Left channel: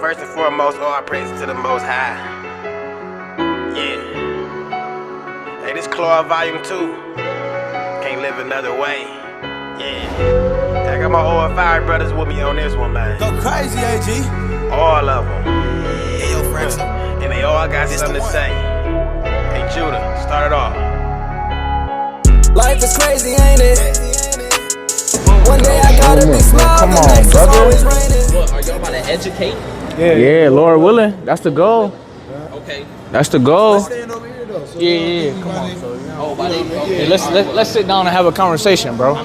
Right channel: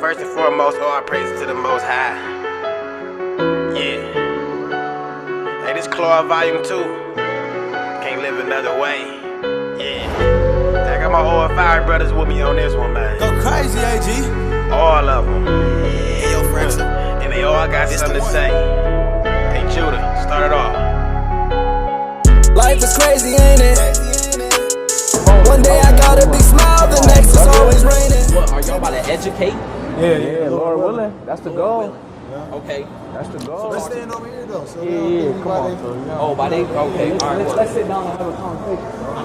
first and foremost, all praises to the Most High. Yeah. Hey, this Claw Volume 2. Can't live another way. Yeah. I got my O.F.I brothers with me on this one, man. Go crazy, AG. All of them. Hey, yo, Fraxel. And they all got something to say. Hey, Judah, start it off. Life is crazy, ain't it? One day I got a big smile, the next is always raining. What, are y'all about to educate? Yeah, Lord willing. That's the goal. Okay. That's the goal. Yeah, come on. Oh, okay. Let's sit down and have a conversation, bro.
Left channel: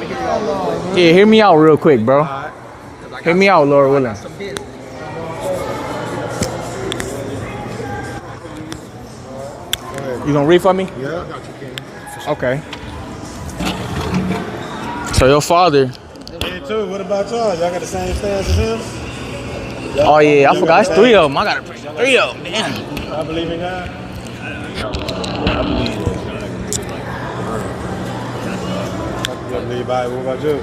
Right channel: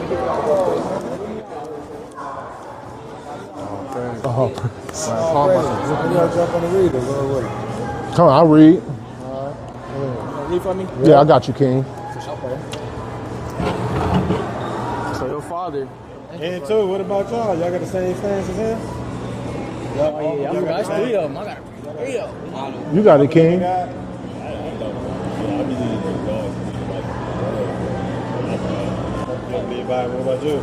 Yeah, hear me out real quick, bro. Hear me out, Lord willing. Come on, I'll read. You gonna read for me? Yeah, I got you, King. Okay. So your father. Hey, too. What about y'all? Y'all got the same stance as him? Oh yeah, I forgot. It's 3 of them. I gotta bring 3 of them. Damn. You got it, King. You believe Bible? What about you?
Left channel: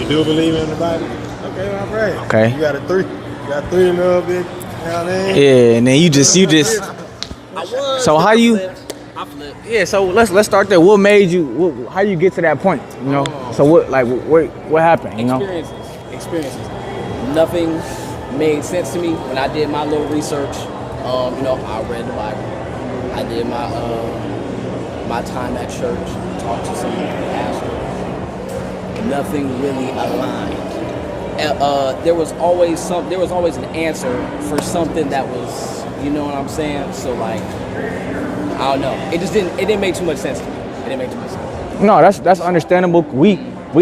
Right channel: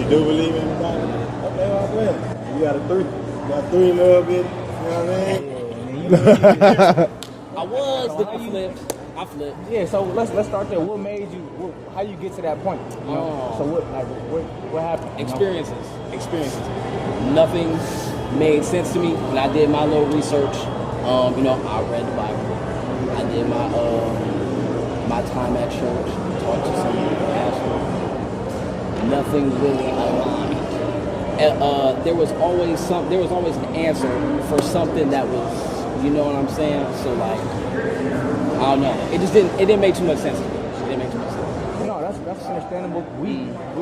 You do believe in the Bible? Okay, all right. Okay. You got a 3. You got 3 in love, bitch. Yeah, and then you just. So how you? Yeah, so let's start there. What made you? How you get to that point? You know. So what happened? You know. Experiences. Nothing made sense to me when I did my little research. You know, I read the Bible. I did my time at church. Talked to some pastors. Nothing really aligned. There was always an answer for something that was, you know what I'm saying? So like, I don't know. It didn't make too much sense to me. It didn't make too much sense. No, that's understandable. We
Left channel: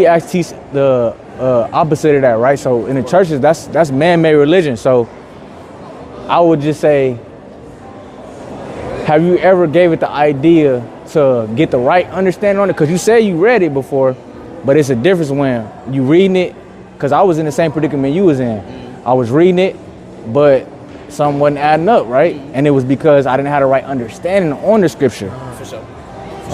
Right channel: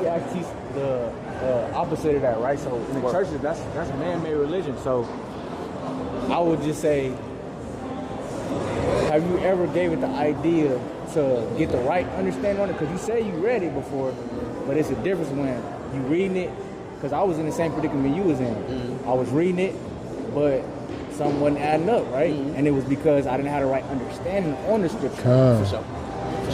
actually teach the opposite of that, right? So in the churches, that's man-made religion. So I would just say, have you ever gave it the idea to get the right understanding on it? Because you say you read it before, but it's a difference when you reading it. Because I was in the same predicament you was in. I was reading it, but something wasn't adding up, right? And it was because I didn't have the right understanding on the scripture. For sure.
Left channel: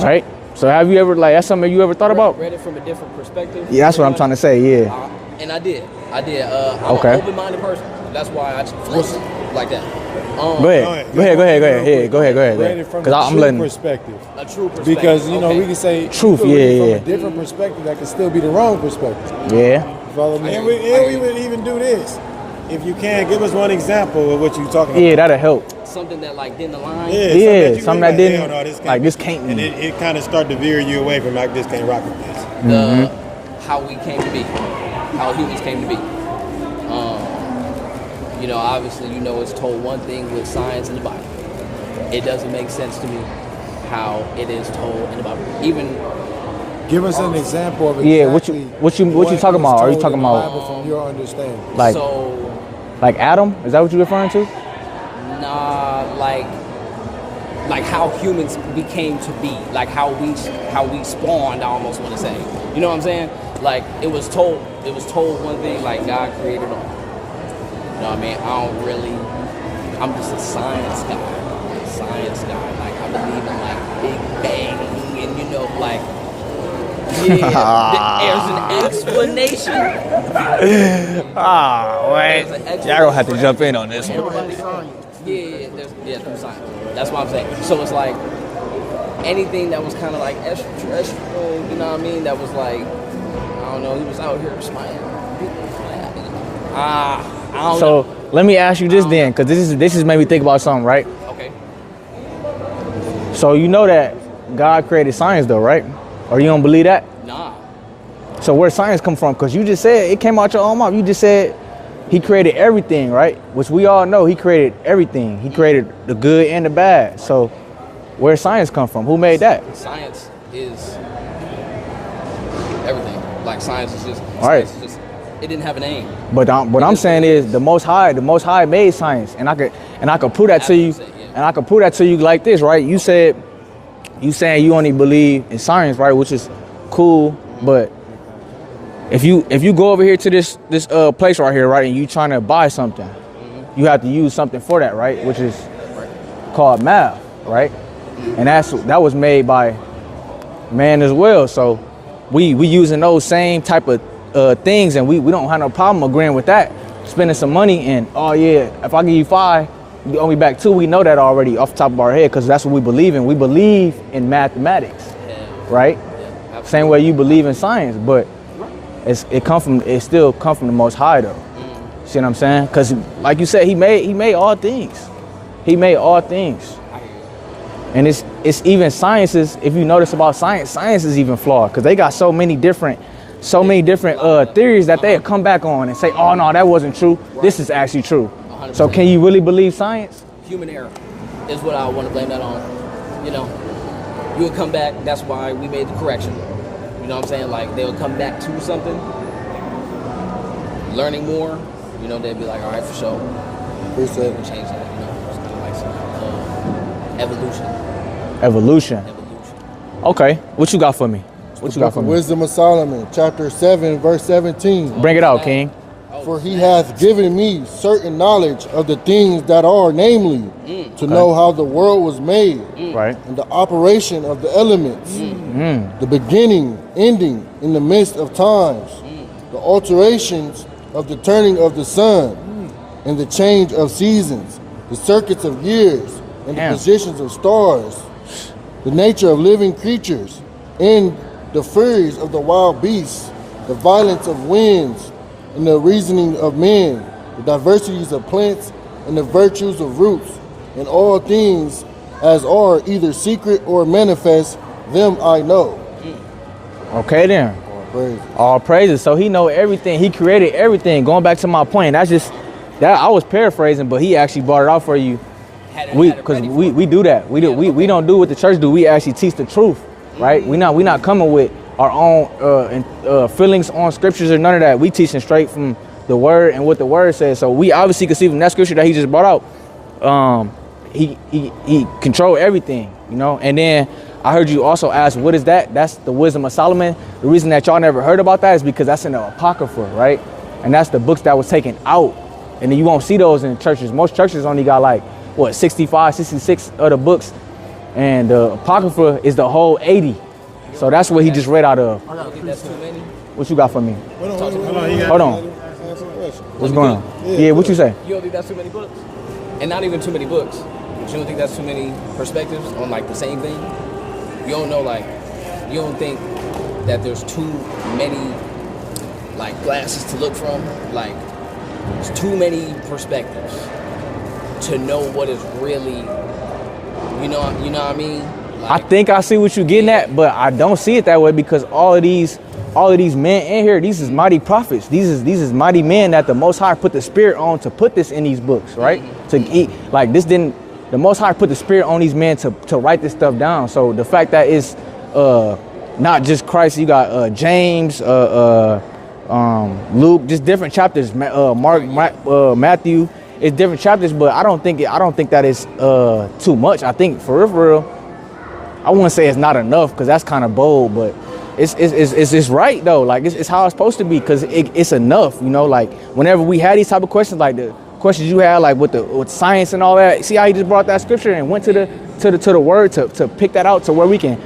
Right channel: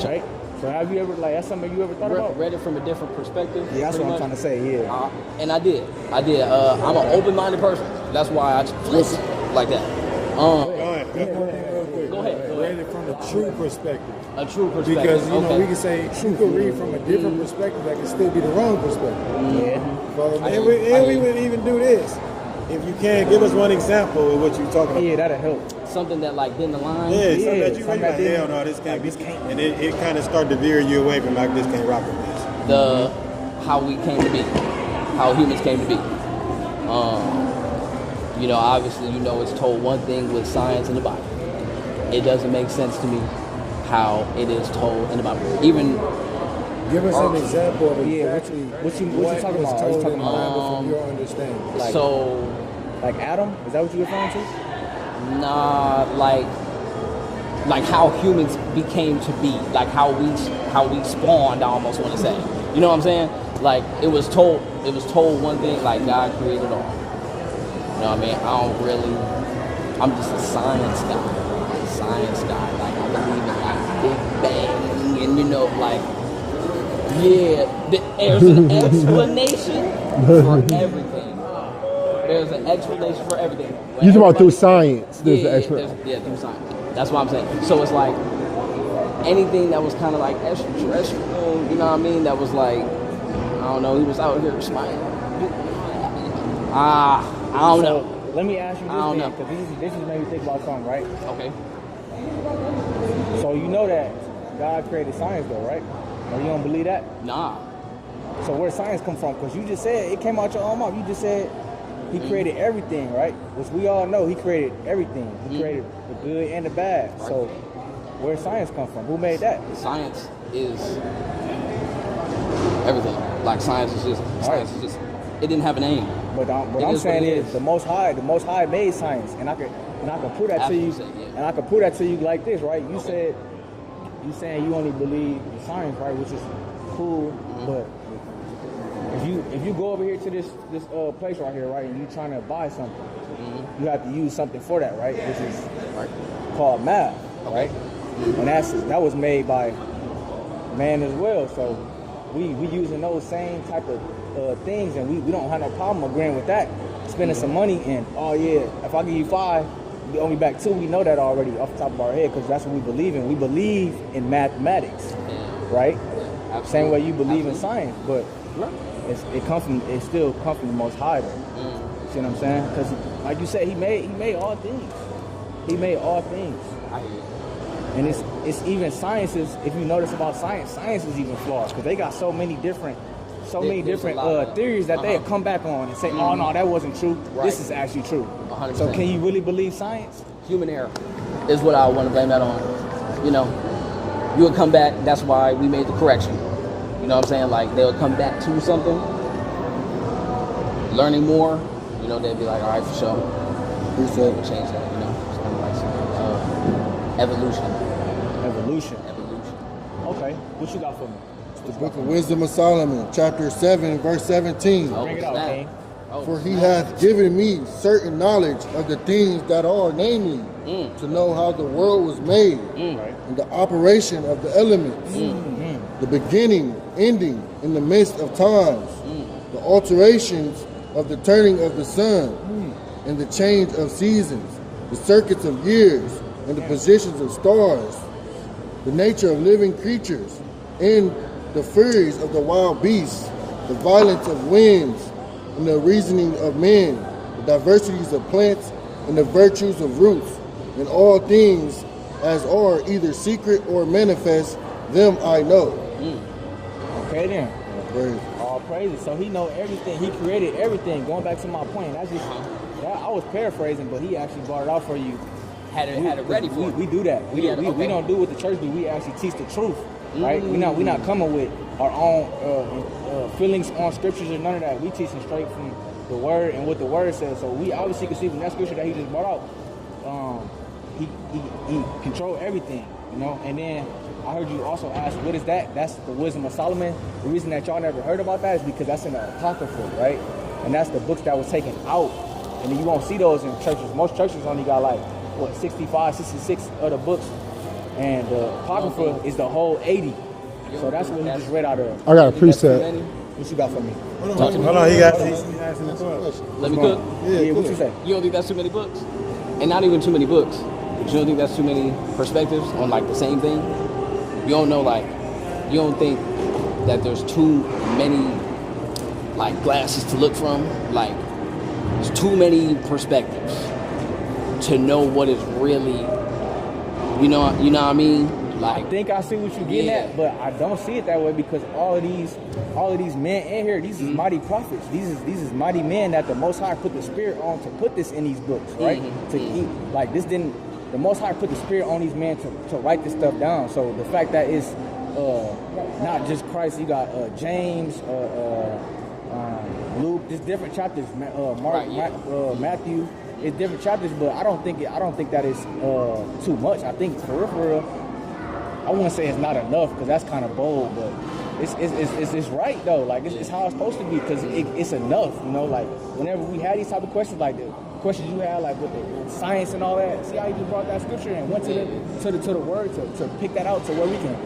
Right? So have you ever, that's something you ever thought about? Read it from a different perspective. Yeah, that's what I'm trying to say, yeah. And I did. I'm an open-minded person. That's why I listen like that. Go ahead. Because I'm letting. Perspective. A true perspective. Because, you know, we can say truth, from yeah. a different perspective that can still be the wrong perspective. Yeah. Follow me? And we would even do this. If you can, give us one example of what you're talking about. Yeah, that'll help. Something that like didn't align. Yeah, something that didn't. No, This can't be. And it kind of start to veer you away from like this can't rock with this. How we came to be, how humans came to be. You know, obviously, you know, it's told one thing with science in the Bible. It doesn't make sense to me how it is told in the Bible. Even give us an example of exactly what you talking about? Are you talking about from your understanding? Like Adam? Is that what you're referring to? Nah, like how humans became to be, like how we spawned. I almost want to say, you know what I'm saying? Like it was told one thing, like God created them. You know what I mean? I'm just a science guy. Like I believe in like Big Bang, and you know, like there's an explanation. Wait. Y'all gonna have to jump in on this. You talking about through science? Through science. That's what I'm saying. So it's like anything that was kind of like extraterrestrial, you know what I mean? That was like, I don't know, he was out here just like, I don't know. Let me ask you this then, because this is made me think about something, right? Okay. So you know that God created science though, right? Or you don't believe that? Nah. So where science come from? Because you just said, it came out your own mouth. You just said he created everything, right? Which we all know he created everything. He created the good and the bad. So where science come from? Who made that? Science is everything. Like science is just, it didn't have a name. But what I'm saying is the Most High made science. And I could prove that to you. And I could prove that to you like this, right? You saying you only believe in science, right? Which is cool, but if you go over here to this place right here, right, and you trying to buy something, you have to use something for that, right? Which is called math, right? And that was made by man as well. So we using those same type of things, and we don't have no problem agreeing with that. spending some money and, oh yeah, if I give you 5, you owe me back 2. We know that already off the top of our head because that's what we believe in. We believe in mathematics, right? Yeah, same way you believe in science, but it still come from the Most High though. See what I'm saying? Because like you said, he made all things. He made all things. And it's even sciences. If you notice about science is even flawed because they got so many different theories that they come back on and say, oh no, that wasn't true. This is actually true. 100%. So can you really believe science? Human error is what I want to blame that on. You know, you would come back. That's why we made the correction. You know what I'm saying? Like they'll come back to something, learning more. You know, they'd be like, all right, for sure. Appreciate it. Change that. You know, it's kind of like some evolution. Okay, what you got for me? What you got for me? Wisdom of Solomon, chapter 7, verse 17. Bring it out, King. For he hath given me certain knowledge of the things that are, namely, to know how the world was made, Right. and the operation of the elements, the beginning, ending, in the midst of times, the alterations of the turning of the sun, and the change of seasons, the circuits of years, and the positions of stars, the nature of living creatures, and the furies of the wild beasts, the violence of winds, and the reasoning of men, the diversities of plants, and the virtues of roots, and all things as are either secret or manifest, them I know. Okay then. Praise. All praises. So he know everything. He created everything. Going back to my point, that's just that I was paraphrasing, but he actually brought it out for you. We do that. We don't do what the church do. We actually teach the truth, right? We not coming with our own feelings on scriptures or none of that. We teaching straight from the word and what the word says. So we obviously can see from that scripture that he just brought out. He controlled everything, you know. And then I heard you also ask, what is that? That's the Wisdom of Solomon. The reason that y'all never heard about that is because that's in the Apocrypha, right? And that's the books that was taken out. And then you won't see those in churches. Most churches only got like, 65, 66 of the books. And the Apocrypha is the whole 80. So that's what he just read out of. I got a precept. What you got for me? Hold on, he got Hold on. What's going on? Yeah, what you say? You don't think that's too many books? And not even too many books. But you don't think that's too many perspectives on like the same thing? You don't know, like, you don't think that there's too many like glasses to look from? Like, there's too many perspectives to know what is really, you know what I mean? Like, I think I see what you're getting at, but I don't see it that way because all of these men in here, these is mighty prophets. These is mighty men that the Most High put the Spirit on to put this in these books, right? To eat like this didn't. The Most High put the Spirit on these men to write this stuff down. So the fact that it's not just Christ, you got James, Luke, just different chapters. Mark, Matthew. It's different chapters, but I don't think that is too much. I think for real, I wouldn't say it's not enough because that's kind of bold, but it's right though. Like it's how it's supposed to be because it's enough. You know, like whenever we had these type of questions, like the questions you had, like with science and all that. See how he just brought that scripture and went to the word to pick that out to where we can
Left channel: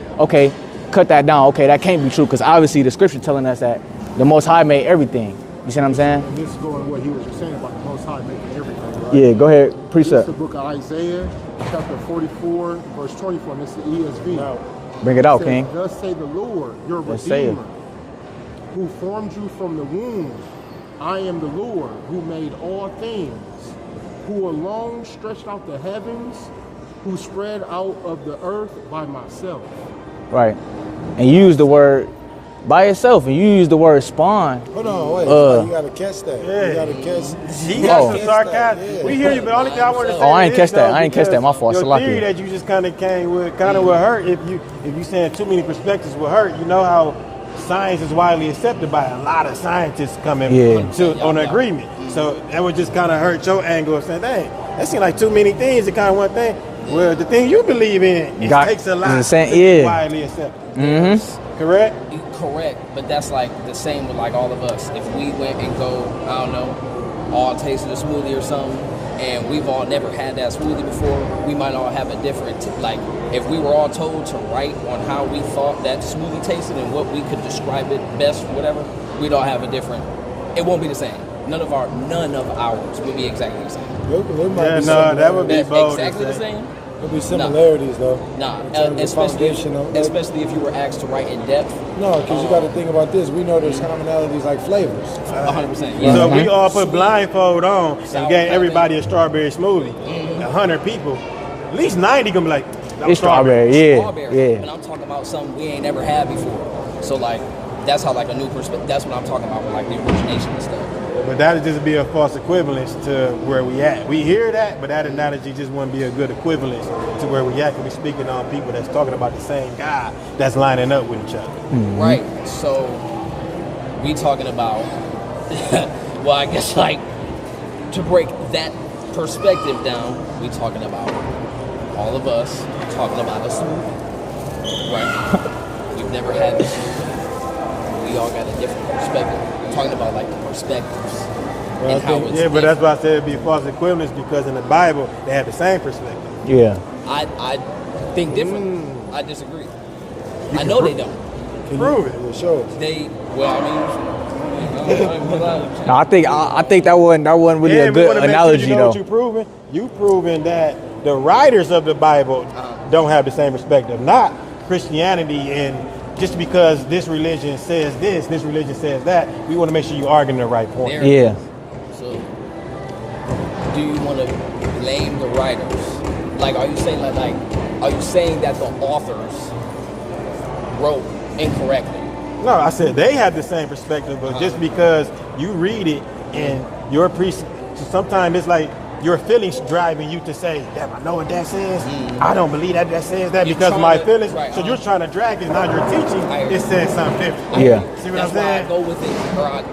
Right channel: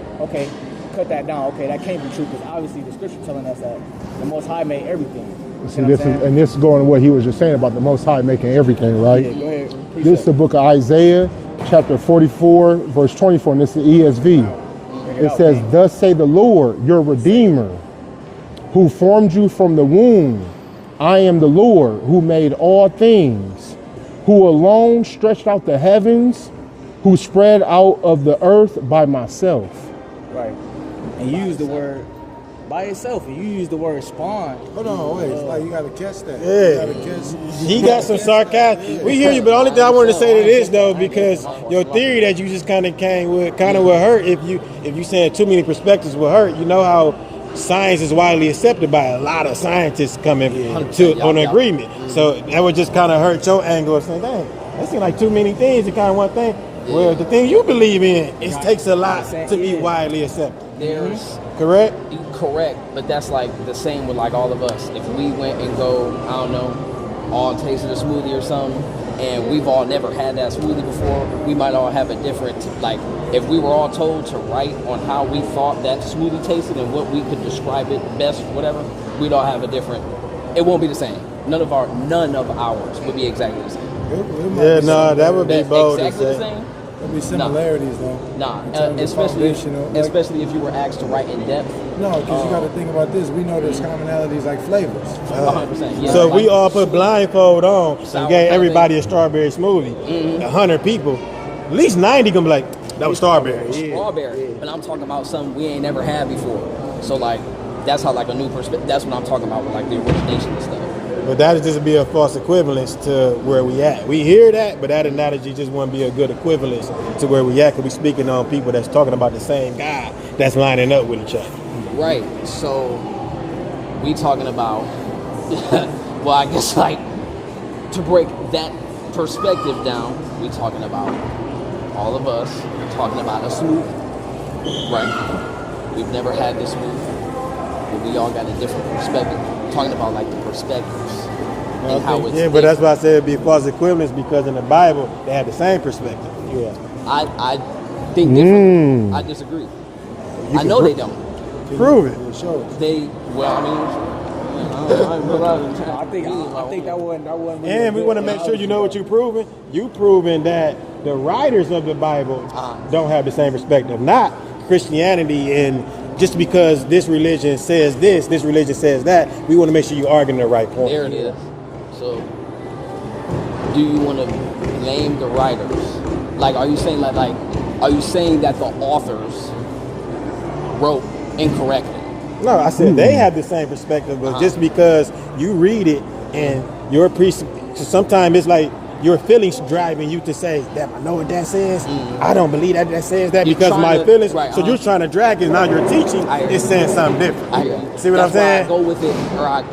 cut that down. Okay, that can't be true because obviously the scripture telling us that the Most High made everything. You see what I'm saying? And this is going to what he was just saying about the Most High making everything, right? Yeah, go ahead. This is the book of Isaiah, chapter 44, verse 24, and this is the ESV. Bring it out, says, King. Thus say the Lord, your Redeemer, who formed you from the womb. I am the Lord who made all things, who alone stretched out the heavens, who spread out of the earth by myself. Right. And you use the word by itself, and you use the word spawn. Hold on, wait. You gotta catch that. Yeah. You gotta catch. He got some sarcasm. We hear you, but the only thing I wanted to say I ain't is catch that. though, I ain't catch that. My fault. your theory that you just kind of came with kind of will hurt if you saying too many perspectives will hurt. You know how science is widely accepted by a lot of scientists coming on agreement. So that would just kind of hurt your angle of saying, dang, that seems like too many things to kind of one thing. Well, the thing you believe in, it takes a lot to be widely accepted. Correct? Correct, but that's like the same with like all of us. If we went and go, I don't know, all tasted a smoothie or something, and we've all never had that smoothie before, we might all have a different, like, if we were all told to write on how we thought that smoothie tasted and what we could describe it best, whatever, we'd all have a different, it won't be the same. none of ours would be exactly the same. Yeah, no, that would be That's bold to exactly the say. same. There'll be similarities though. Nah, in terms of especially foundational, like- especially if you were asked to write in depth. No, because you got to think about this. We know there's commonalities like flavors. 100%. Yeah. So if we all put blindfold on and gave everybody a strawberry smoothie, 100 people, at least 90 gonna be like, that was It's strawberry, strawberry. yeah, Strawberry. yeah. But I'm talking about something we ain't never had before. So like, that's how like a new perspective. That's what I'm talking about with like the origination and stuff. But that would just be a false equivalence to where we at. We hear that, but that analogy just wouldn't be a good equivalence to where we at, because we speaking on people that's talking about the same God that's lining up with each other. Right. So we talking about. Well, I guess like to break that perspective down, we talking about all of us talking about a smoothie. Right. We've never had this. We all got a different perspective. We're talking about like the perspectives and how it's. Yeah, but that's why I said it'd be a false equivalence, because in the Bible they have the same perspective. Yeah. I think different. I disagree. I know they don't. Prove it. Show us. They well, No, I think that wasn't really a And we good wanna make sure analogy you know though. what you proving? You proving that the writers of the Bible don't have the same perspective, not Christianity. And just because this religion says this religion says that, we want to make sure you arguing the right point. There it Yeah. is. So, do you want to blame the writers? Like, are you saying are you saying that the authors wrote incorrectly? No, I said they have the same perspective, but just because you read it and your so sometimes it's like your feelings driving you to say that I know what that says. I don't believe that says that You're because trying my to- feelings. right, So you're trying to drag it. Now you're teaching. It says something different. Yeah. See what I'm That's why saying? I go with it, or I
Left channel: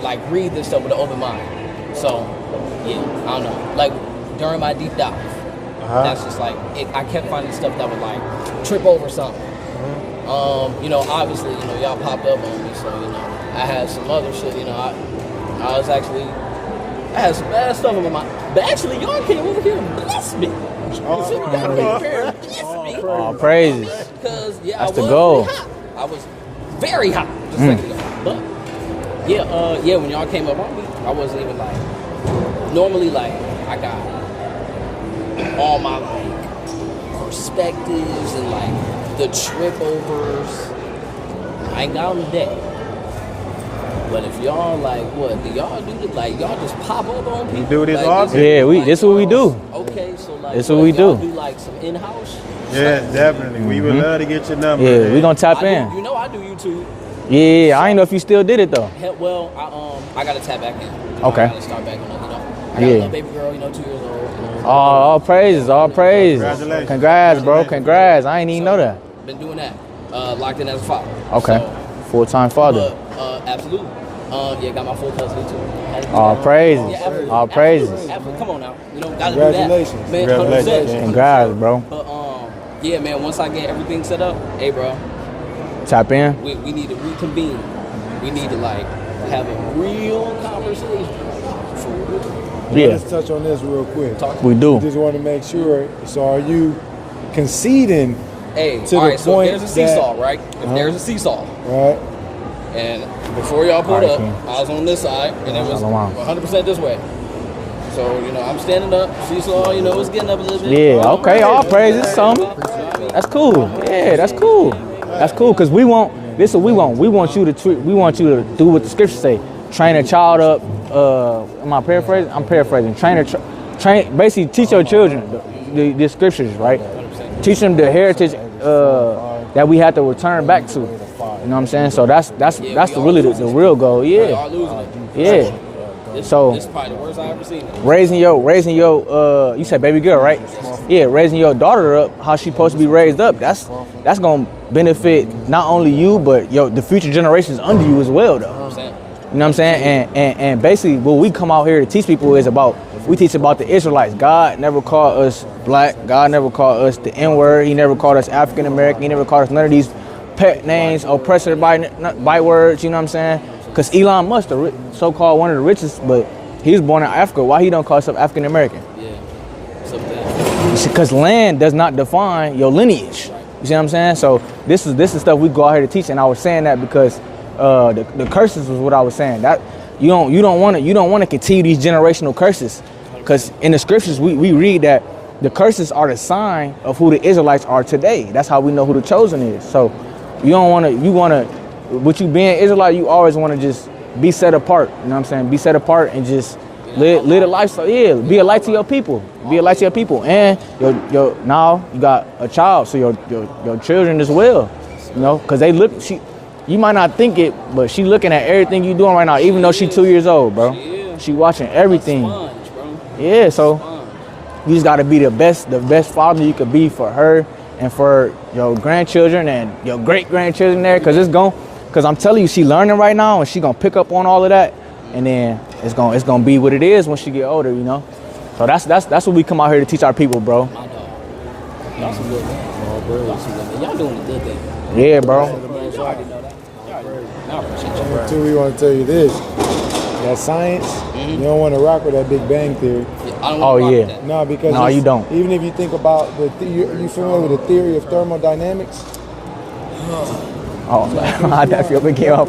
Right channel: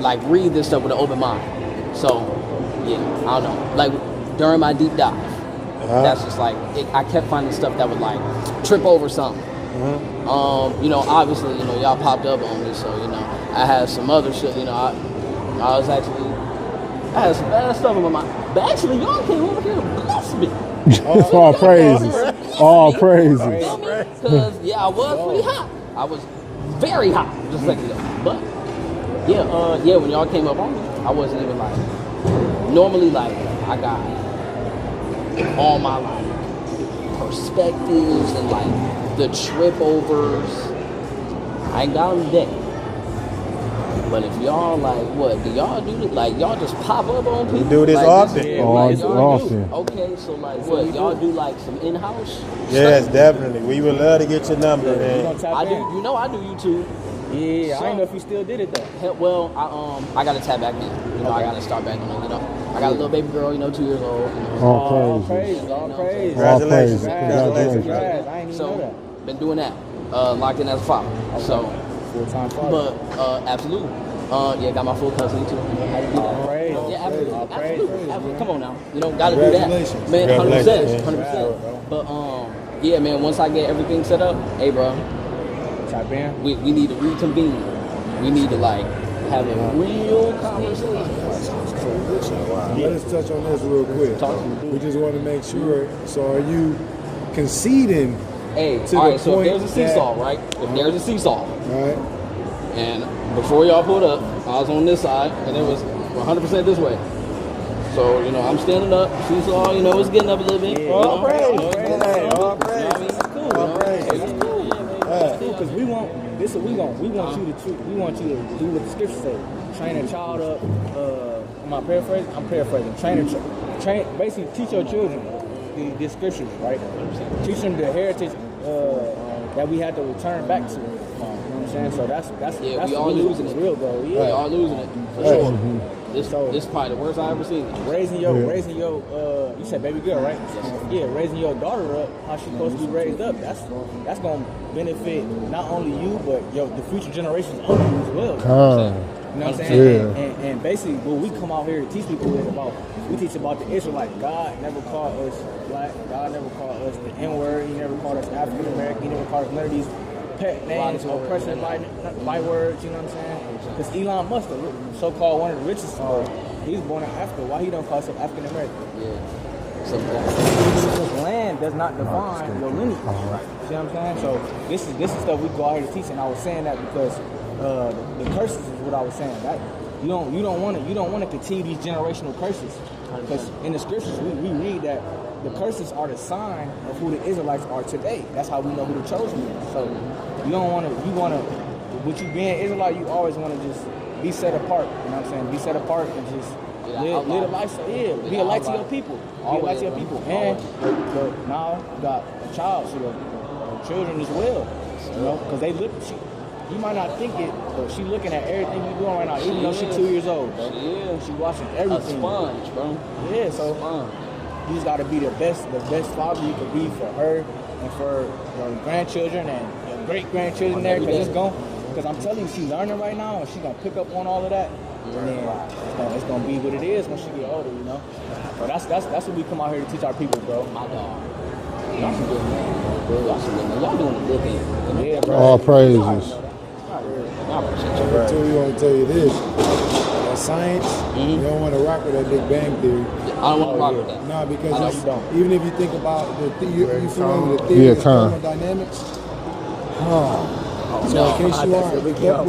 like read this stuff with an open mind. So, yeah, I don't know. Like during my deep dive, that's just like I kept finding stuff that would like trip over something. You know, obviously, you know, y'all popped up on me, so you know, I had some other shit. You know, I had some bad stuff in my mind. But actually, y'all came over here and blessed me. All praises. All praises. Praises. Because yeah, I was the goal. pretty hot. I was very hot just a second ago. But yeah, when y'all came up on me, I wasn't even like. Normally, like I got all my like perspectives and like the trip overs. I ain't got them today. But if y'all like, what do y'all do? Like y'all just pop up on people? You do this like, often? Yeah, it's what we do. Okay, so like, It's what we y'all do. do like some in-house. Yes, definitely. We would love to get your number. Yeah, man. we gonna tap I in. do, you know, I do YouTube. Yeah, I ain't know if you still did it though. Hell, well, I gotta tap back in. You know, Okay. I gotta start back in. You know, I got a Yeah. little baby girl. You know, 2 years old. You know, All praises, all praises. Congratulations. Congrats, bro. Congrats. I ain't even know that. been doing that. Locked in as a father. Okay. Full-time father. But absolutely. Yeah, got my full custody too. All praises. absolutely. All praises. Absolutely. Come on now. You know, gotta do that. Congratulations. Man, Congratulations. 100%. Congrats, bro. But yeah, man. Once I get everything set up, hey, bro, Tap in. we need to reconvene. We need to like have a real conversation. For real. Yeah, Let's touch on this real quick. Talk to we do. Just want to make sure. So, are you conceding? Hey, To all the right. So point if there's a seesaw, that- right? If there's a seesaw, Right. and before y'all pulled up, I was on this side, and it was Wow. 100% this way. So you know, I'm standing up. Seesaw, you know, it's getting up a little bit. Yeah, You know, okay, all praises, son. You know what I mean? That's cool. Yeah, that's cool. That's cool, cause we want. This is what we want. We want you to we want you to do what the scriptures say. Train a child up. Am I paraphrasing? I'm paraphrasing. Train. Basically, teach your children the scriptures, right? Teach them the heritage that we have to return back to. You know what I'm saying? So that's we all really the losing. real goal. Y'all Yeah, losing it. yeah. This, So- this is probably the worst I ever seen it. Raising your you said baby girl, right? Yeah, raising your daughter up how she supposed to be raised up. That's gonna benefit not only you but the future generations under you as well. Though. You know what I'm saying? And basically what we come out here to teach people is we teach about the Israelites. God never called us black. God never called us the N-word. He never called us African American. He never called us none of these pet names, oppressor by words. You know what I'm saying? Because Elon Musk, the so-called one of the richest, but he was born in Africa. Why he don't call himself African American? Yeah. So that. Because land does not define your lineage. You see what I'm saying? So this is stuff we go out here to teach, and I was saying that because the curses was what I was saying. you don't want to continue these generational curses, because in the scriptures we read that the curses are the sign of who the Israelites are today. That's how we know who the chosen is. So you want to, with you being Israelite, you always want to just be set apart. You know what I'm saying? Be set apart and just live a lifestyle. Yeah, be a light to your people. Be a light to your people. And your now you got a child, so your children as well. You know, because they look. You might not think it, but she looking at everything you doing right now, even though she 2 years old, bro. She watching everything. Yeah, so you just gotta be the best father you could be for her and for your grandchildren and your great grandchildren there, because I'm telling you, she learning right now and she gonna pick up on all of that, and then it's gonna be what it is when she get older, you know. So that's what we come out here to teach our people, bro. My God, y'all some good men, bro. Y'all some good men. Y'all doing a good thing. Yeah, bro. All praises. I appreciate you, bro. Too, we want to tell you this. That science, you don't want to rock with that Big Bang theory. I don't want to rock with that. No, because no, you don't. Even if you think about you familiar with the theory of thermodynamics? I definitely came up.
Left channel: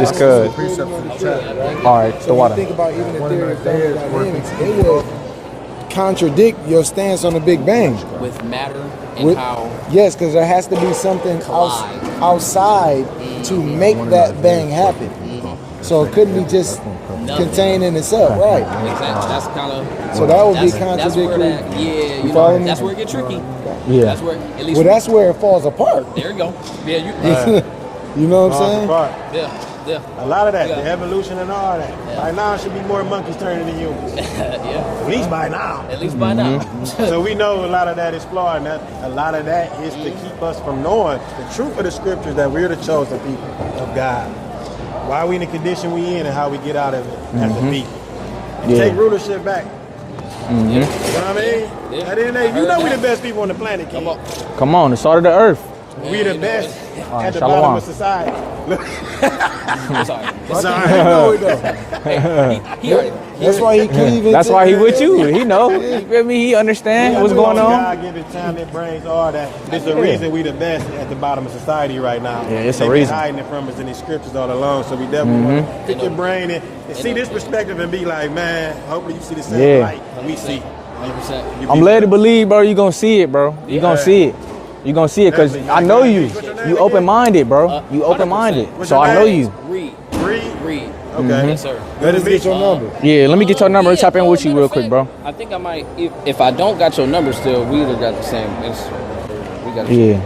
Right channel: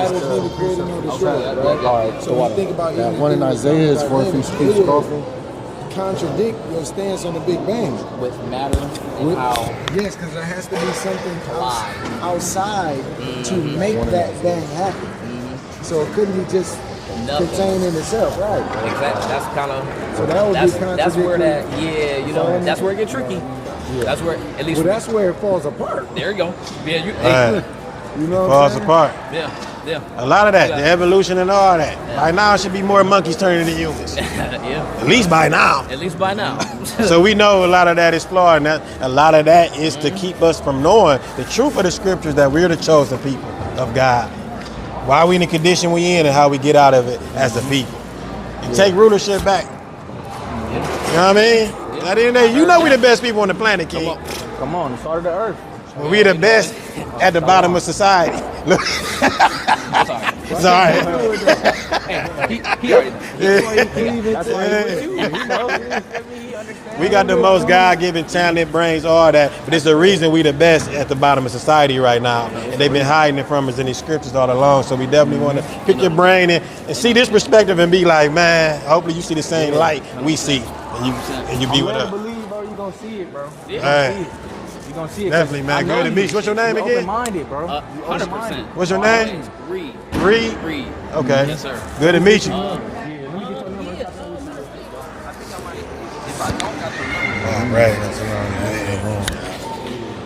Just cause. All right, So when you think about One in Isaiah is 4 feet speech coffin. contradict your stance on the Big Bang. With matter and how. Yes, because there has to be something outside to make that bang happen. So it couldn't be just contained in itself, right? Exactly. That's kind of. So that would be That's contradictory. where that. Yeah, you know, that's where it gets tricky. Yeah. That's where at least. Well, that's where it falls apart. There you go. Yeah, you. Right. You know what I'm Falls saying? apart. Yeah. Yeah. A lot of that, the evolution and all that. By now, it should be more monkeys turning to humans. Yeah. At least by now. At least by now. So we know a lot of that is flawed, and that a lot of that is to keep us from knowing the truth of the scriptures that we're the chosen people of God. Why we in the condition we in and how we get out of it as a people. And take rulership back. You know what I mean? At the end of the day, you know we the best people on the planet, kid. Come on, the salt of the earth. We the best at the bottom of society. I'm sorry. Sorry. That's why he with you. He know. You feel me? He We understands got what's the going most on. God-given talent, brains, all that. But it's the reason we the best at the bottom of society right now. it's They've the been reason. hiding it from us in these scriptures all along. So we definitely want to pick your brain and see this perspective and be like, man, hopefully you see the same Yeah. light we see. And you I'm be led to with us. believe, bro. You gonna see it, bro. You gonna Yeah. see it. You gonna see it because Definitely, man. I know Good you. to meet you. What's your name You again? open-minded, bro. You open-minded. What's So your I know name? you. Read. Reed. Okay. Yes, sir. Good to meet you. Yeah, let me get your number. Let's tap in with you real quick, bro. I think I might. If I don't got your number still, Reed got the same. We got Yeah.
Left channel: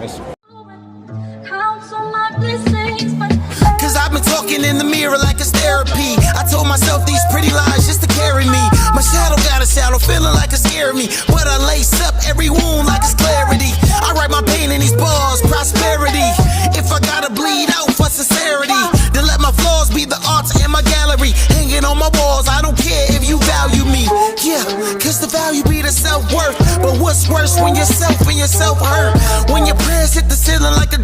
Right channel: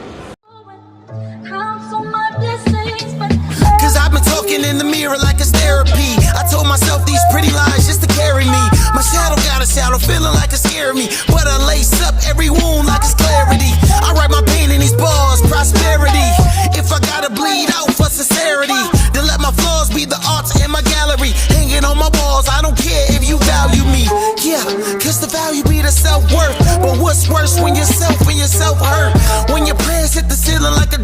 Count on my blessings, but Cause I've been talking in the mirror like it's therapy. I told myself these pretty lines just to carry me. My shadow got a shadow, feeling like it's scaring me. But I lace up every wound like it's clarity. I write my pain in these bars, prosperity. If I gotta bleed out for sincerity, then let my flaws be the art in my gallery. Hanging on my walls, I don't care if you value me. Yeah, cause the value be the self-worth. But what's worse when yourself and yourself hurt? When your prayers hit the ceiling like a